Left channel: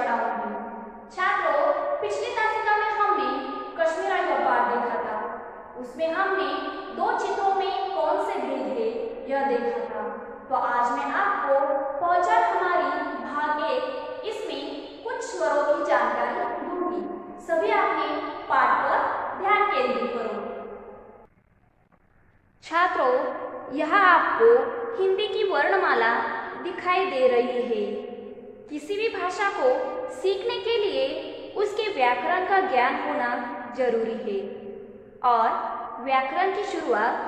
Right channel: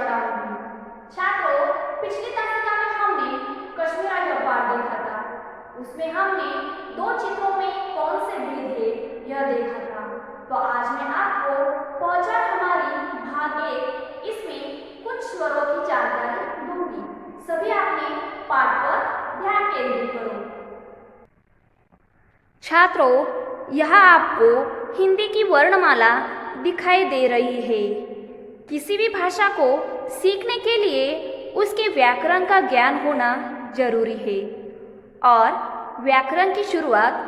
पढ़ाऊंगी। छात्रों, पिछली तासिका में हमने कश्मीरा यह पाठ देखा था। उसमें हमने दो चित्रों में कौन से भेद है यह देखा था। तो आज मैं आपको पहचान हमारी भाग 1 इसमें कुछ स्वरों की जानकारी दूंगी। सभी अपने पाठ पर ध्यान केंद्रित करो। छात्रों, यहाँ आपको हिंदी की वर्णमाला दिखाई दे रही है। किसी भी भाषा को सीखने के लिए उसके व्याकरण का ज्ञान होना जरूरी है और व्याकरण की शुरुआत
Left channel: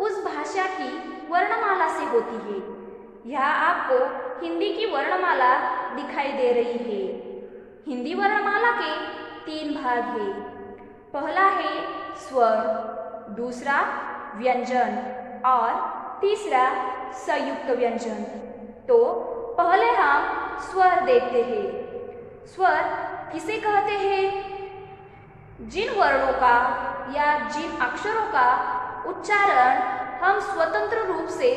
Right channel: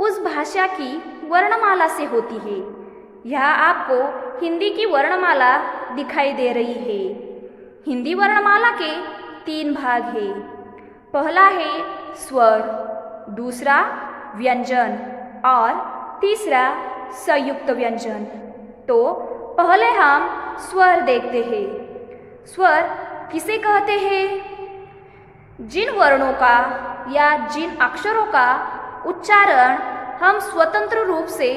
उस भाषा की वर्णमाला से होती है। यहाँ आपको हिंदी की वर्णमाला दिखाई दे रही है। हिंदी वर्णमाला के 3 भाग हैं। पहला है स्वर, दूसरा व्यंजन और तीसरा संयुक्त व्यंजन। तो पहले हम स्वर देखते हैं। स्वर किसे कहते हैं? जिन वर्णों का या जिन अक्षरों का उच्चारण हम स्वतंत्र रूप से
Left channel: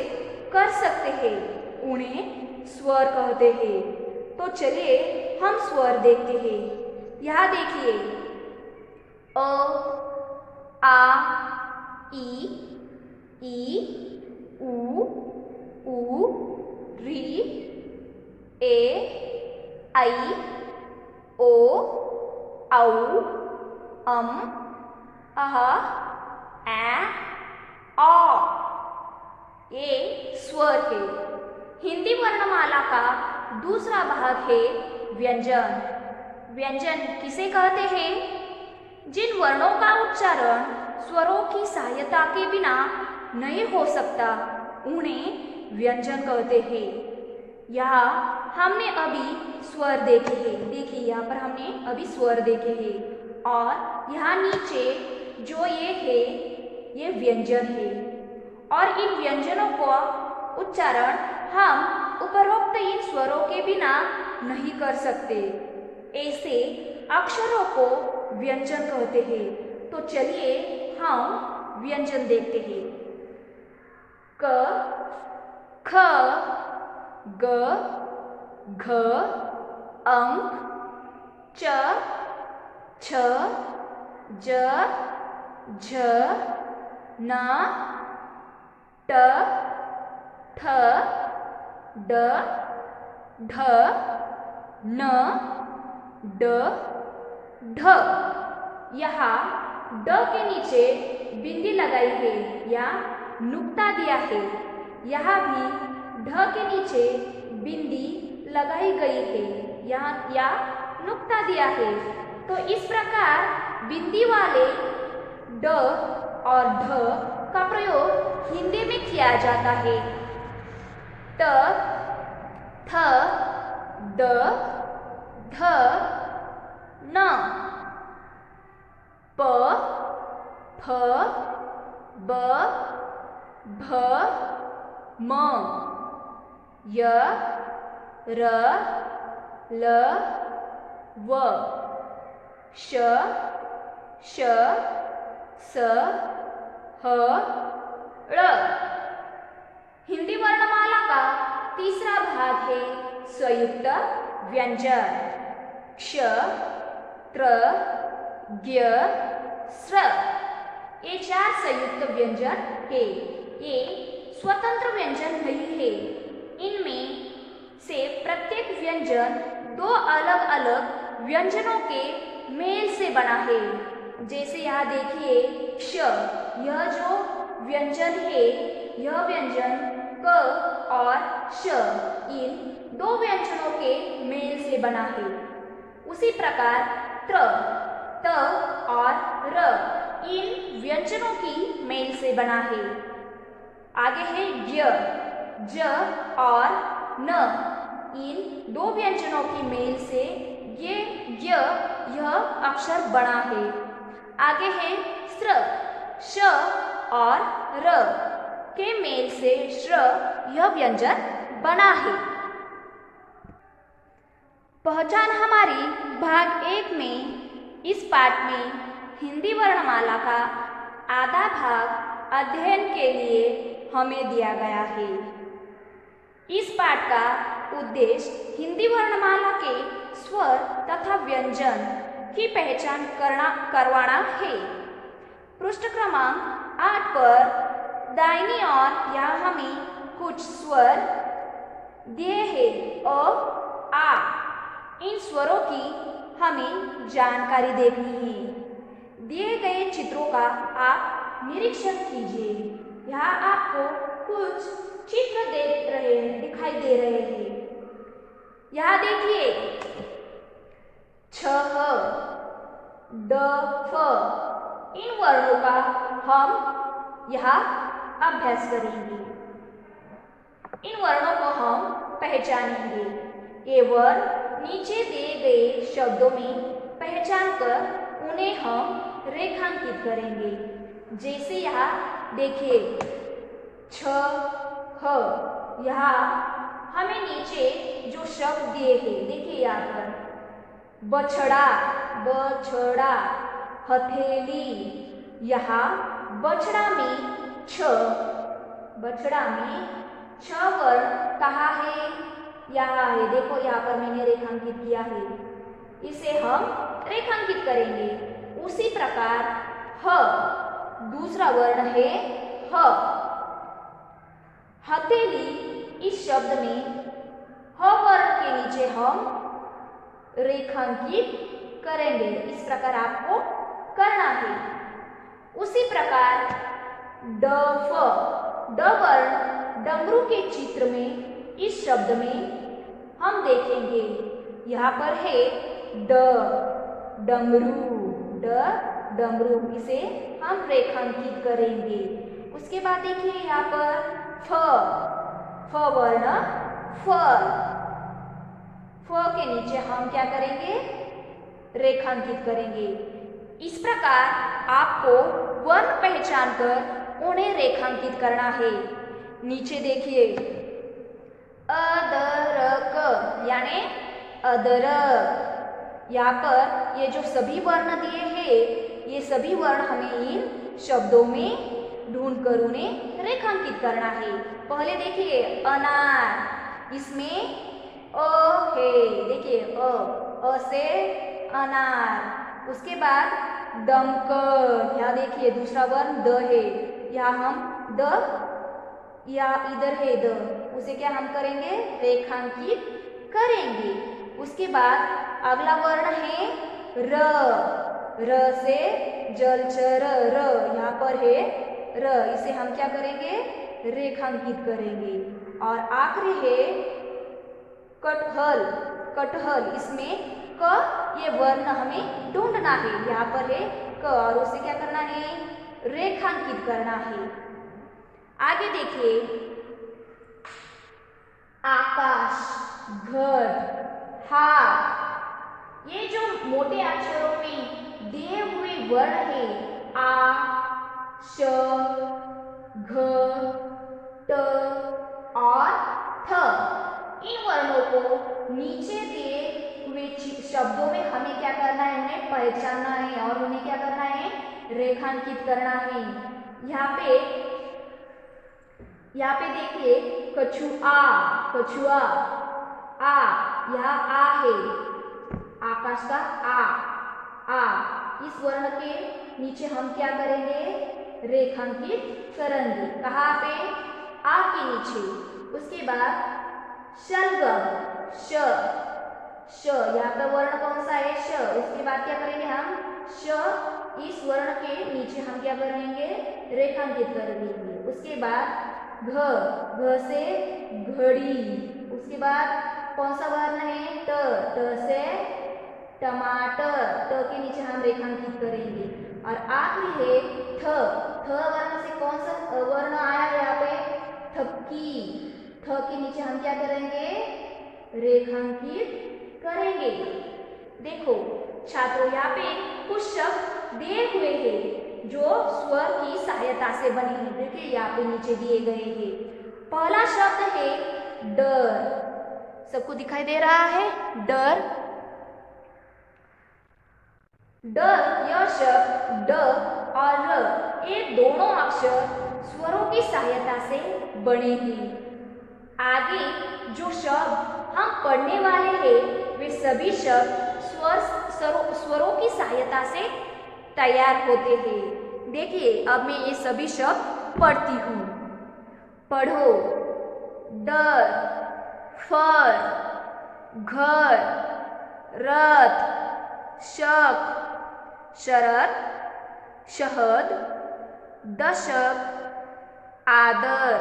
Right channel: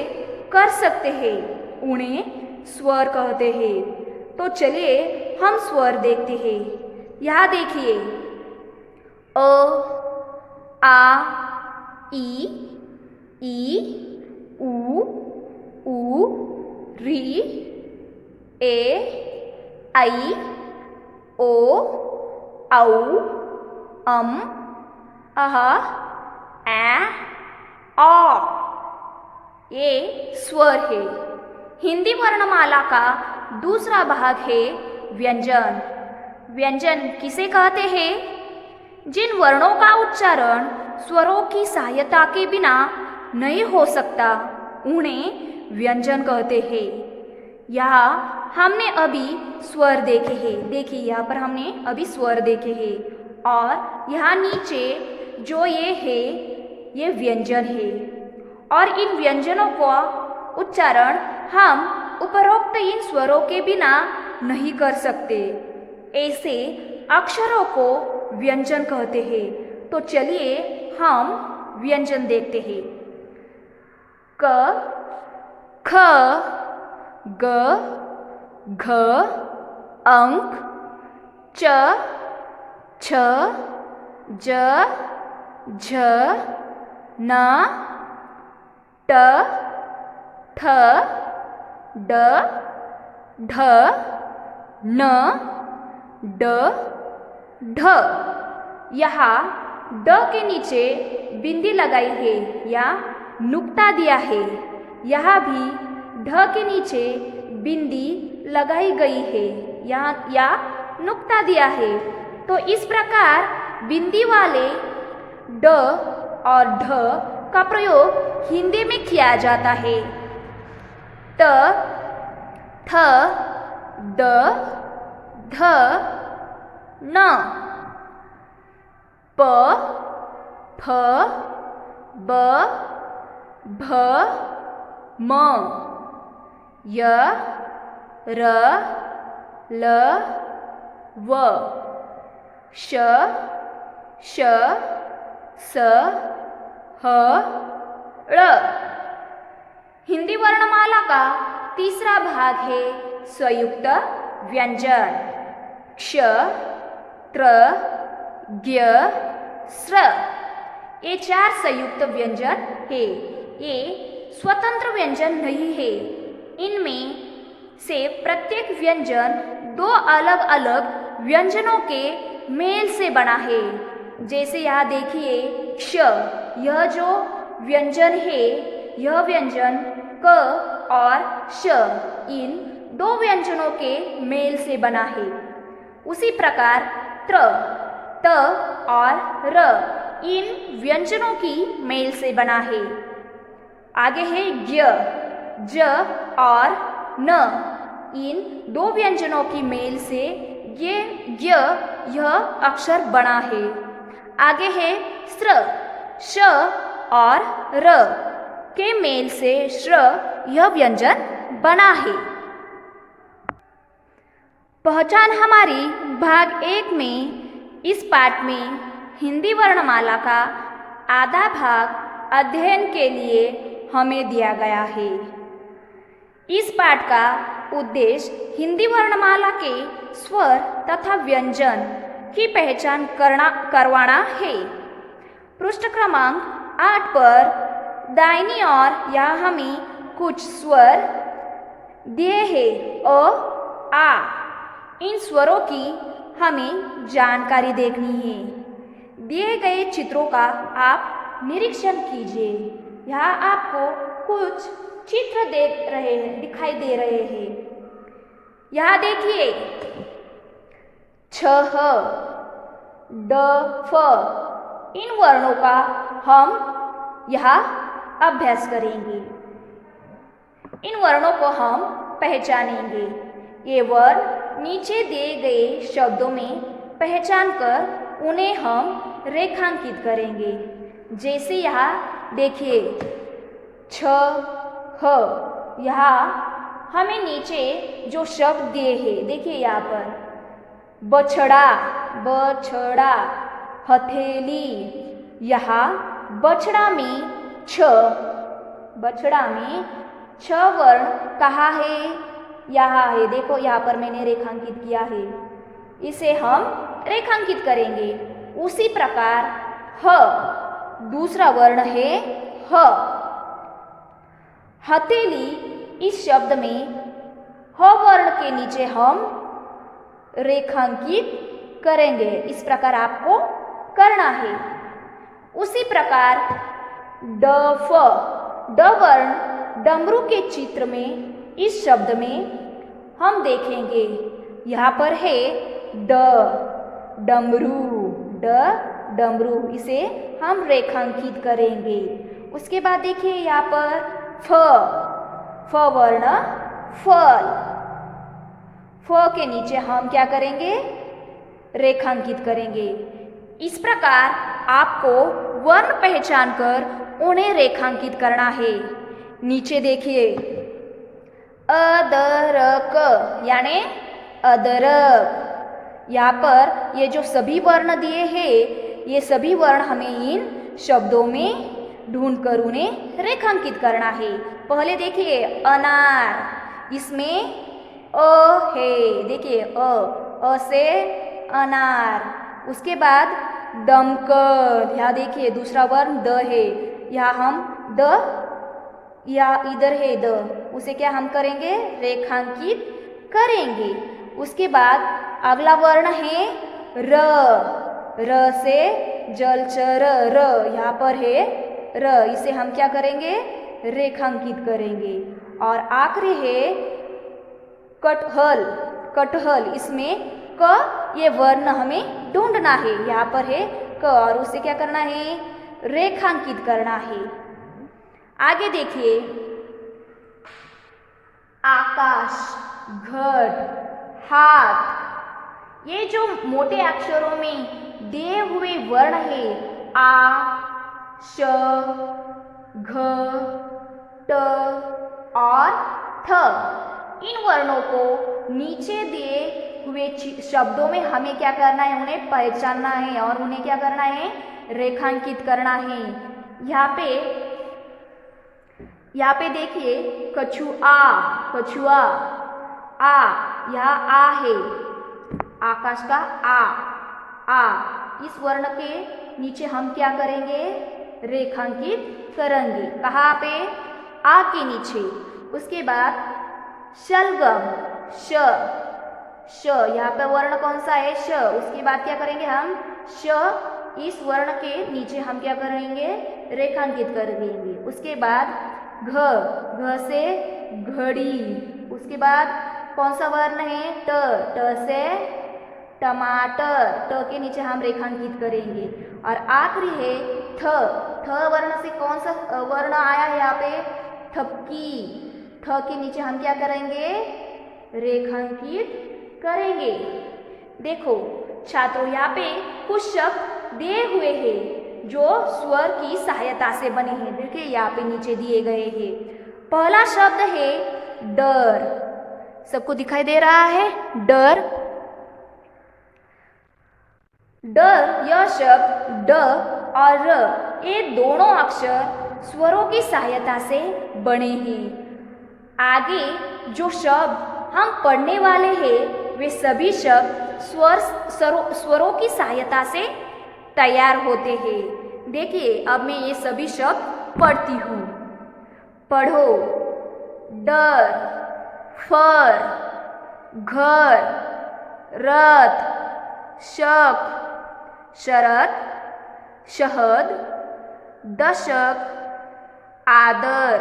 कर सकते हैं उन्हें स्वर कहते हैं। तो चलिए हम स्वर देखते हैं। यहाँ देखिए, अ, आ, ई, उ, री, ए, ऐ, ओ, औ, अम, अह, ऐ, औ। ये स्वर है। हिंदी वर्णमाला का दूसरा भाग है व्यंजन। व्यंजन किसे कहते हैं? जिन वर्णों का उच्चारण स्वरों की सहायता के बिना नहीं हो सकता उन्हें व्यंजन कहते हैं। यहाँ हमने अभी स्वर देखे हैं। देखिए, यहाँ पर हमने अभी स्वर देखे हैं और यहाँ नीचे जो ये है ये व्यंजन है और इन व्यंजनों का उच्चारण हम उपरोक्त इन स्वरों के बिना नहीं कर सकते। ऐसे अक्षरों को व्यंजन कहते हैं। तो चलिए हम व्यंजन देखते हैं। क, ख, ग, घ, अंक, च, छ, ज, झ, न, ट, ठ, ड, ढ, न, ड, ढ। यहाँ ड के नीचे बिंदी लगाई है या नुक्ता दिया है। यहाँ भी ढ के नीचे बिंदी लगाई गई है या नुक्ता दिया है। तो इस प्रकार बिंदी वाले ड और ढ का प्रयोग हिंदी में किया जाता है। त, थ, द, ध, न, प, फ, ब, भ, म, य, र, ल, व, श, श, स, ह, ळ। हिंदी वर्णमाला का तीसरा भाग है संयुक्त व्यंजन। क्ष, त्र, ज्ञ, स्र। ये 4 संयुक्त व्यंजन है। ये स्वतंत्र व्यंजन नहीं है। इनमें से प्रत्येक व्यंजन 2 अलग अलग व्यंजनों के मेल से बना है। जैसे यहाँ देखिए, क्ष, यह जो व्यंजन है यह व्यंजन क और श इन 2 व्यंजनों के मेल से बना है। उसी प्रकार त्र, त और र इन व्यंजनों की मेल से बना है। आगे है ज्ञ, ज और न इन 2 व्यंजनों की मेल से ये ज्ञ यह अक्षर बना है। आगे है स्र, श और र के मेल से श्र यह व्यंजन बना है। पहचान हमारी भाग 1 में इस पाठ में हिंदी वर्णमाला का आधा भाग अध्ययन के लिए हमें दिया गया है। इस पाठ का उद्देश्य हिंदी वर्णमाला के स्वर तथा व्यंजन की पहचान करवाना है। पृष्ठ क्रमांक 8 पर दाहिनी ओर यहाँ हमें कुछ स्वर दिए हैं अ, आ। इन स्वरों की हमें जानकारी देखनी है। दिए गए चित्रों का आप निरीक्षण कीजिए। यहाँ आपको कुछ चित्र दिखाई दे रहे हैं। यहाँ देखिए छ, ड, फ। इन वर्णों का हम यहाँ अभ्यास करेंगे। इन वर्णों को हम पहचानेंगे। ये वर्ण नीचे दिए गए शब्दों में पहचान कर उन्हें हम रेखांकित करेंगे। जैसे यहाँ देखिए छ, ह। यहाँ हमें नीचे जो शब्द दिए हैं देखिए यहाँ पर बछड़ा, बछड़ा, हथेली। यहाँ बछड़ा में छ, बछड़ा में छ वर्ण कहाँ है? यहाँ है। देखो यहाँ पर मैंने रेखांकित किया है। इसे हम रेखांकित करेंगे। उसी प्रकार ह, दूसरा वर्ण है ह। हथेली इस शब्द में ह वर्ण के नीचे हम रेखांकित करेंगे। इस प्रकार आपको करना है। उसी प्रकार ड, फ। ड वर्ण डमरू के चित्र में इस शब्द में हम देखेंगे। यहाँ पर है ड, डमरू, ड, डमरू। इसे हम रेखांकित करेंगे। उसके बाद देखिए यहाँ पर फ, फ वर्ण फल। फ के नीचे हम क्या करेंगे? रेखांकित करेंगे। इस प्रकार आपको वर्ण पहचान कर उन्हें रेखांकित करना है। नीचे देखिए अदरक यानी अदरक। यहाँ पर ये जो सभी वर्ण दिए हैं ये सभी वर्ण हमें इन शब्दों में ढूंढकर उन्हें रेखांकित करना है। पहले देखिए अनार, इसमें अ है। देखिए अ से अनार। उसके बाद दमकल। यहाँ देखिए दूसरा वर्ण द है। यहाँ हम द, या इधर है द, उसे क्या हम करेंगे? रेखांकित करेंगे। उसके बाद अगला वर्ण है र। र से जलचर र। यहाँ पर है र। इसे हम क्या करेंगे? रेखांकित करेंगे। और आखिरी है कटहल। कटहल, इसमें क ये वर्ण हमें ढूंढना है। यहाँ पर है क और उसे क्या करना है? रेखांकित करना है। आगे देखिए आकाश, घट, हाथ। ये जो मोटे अक्षरों में दिए हुए वर्ण है आ, श, घ, ट और थ। इन वर्णों को नीचे दिए हुए शब्दों में हमें क्या करना है? उन्हें पहचानना है और उन्हें क्या करना है? रेखांकित करना है। यहाँ पे देखिए कछुआ, कछुआ, आ। यहाँ आ है, आकाश का आ, आ। इस वर्ण के नीचे हम क्या करेंगे? रेखांकित करेंगे। कहाँ पे? आ के नीचे। उसके बाद शलगम, श, श। यहाँ पर वर्ण कौन सा है? श। उसके बाद क्या करेंगे हम? श। इस वर्ण के नीचे हम क्या करेंगे? रेखांकित कर देंगे। उसके बाद घ, घ से घड़ी। उसके बाद कौन सा वर्ण है? ट, ट से टमाटर। ट के नीचे हम रेखांकित करेंगे। और आखिरी है थ। थ वर्ण से कौन सा वर्ण आया है यहाँ पे? ठपकी। ठ के नीचे हम क्या करेंगे? रेखांकित करेंगे। देखो छात्रों, यहाँ पे कुछ शब्द दिए हुए हैं जो स्वर की सहायता से बने हैं। देखिए यहाँ पे नीचे दिए गए हैं। पहला शब्द है डर। सबको दिखाई दे रहा है? डर। डर, यह शब्द ड और र, ये दोनों अक्षर स्वरों की सहायता से बने हैं। आगे जो शब्द हम पढ़ने वाले हैं वे सभी शब्द स्वरों की सहायता से तैयार होते हैं। देखिए, अब मैं ये सभी शब्द पढ़ती हूँ। पढ़ो, डर, फर, घर, रथ, शक, शरत, शहद, दशक, आदर,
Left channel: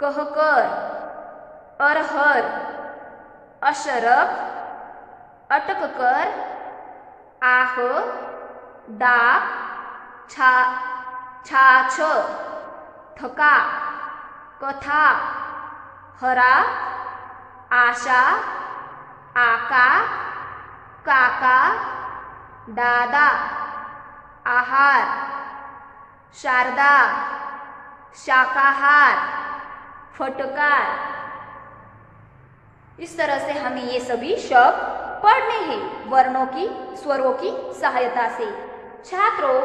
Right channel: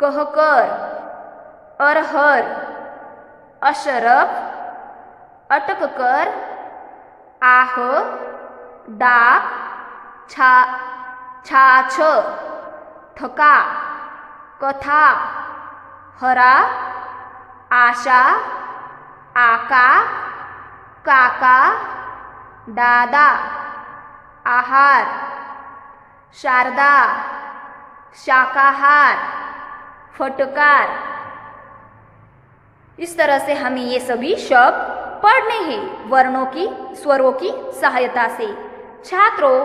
कहकर, अरहर, अशरफ, अटककर, आह, डाक, छाछ, थका, कथा, हरा, आशा, आका, काका, दादा, आहार, शारदा, शाकाहार, फटकार। इस तरह से हमें ये सभी शब्द पढ़ने हैं वर्णों की स्वरों की सहायता से। छात्रों,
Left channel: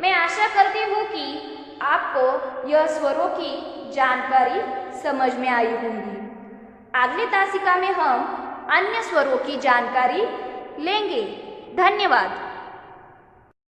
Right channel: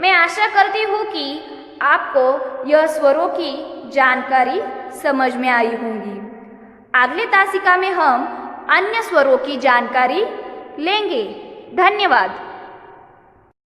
मैं आशा करती हूँ कि आपको यह स्वरों की जानकारी समझ में आई होंगी। अगले तासिका में हम अन्य स्वरों की जानकारी लेंगे। धन्यवाद।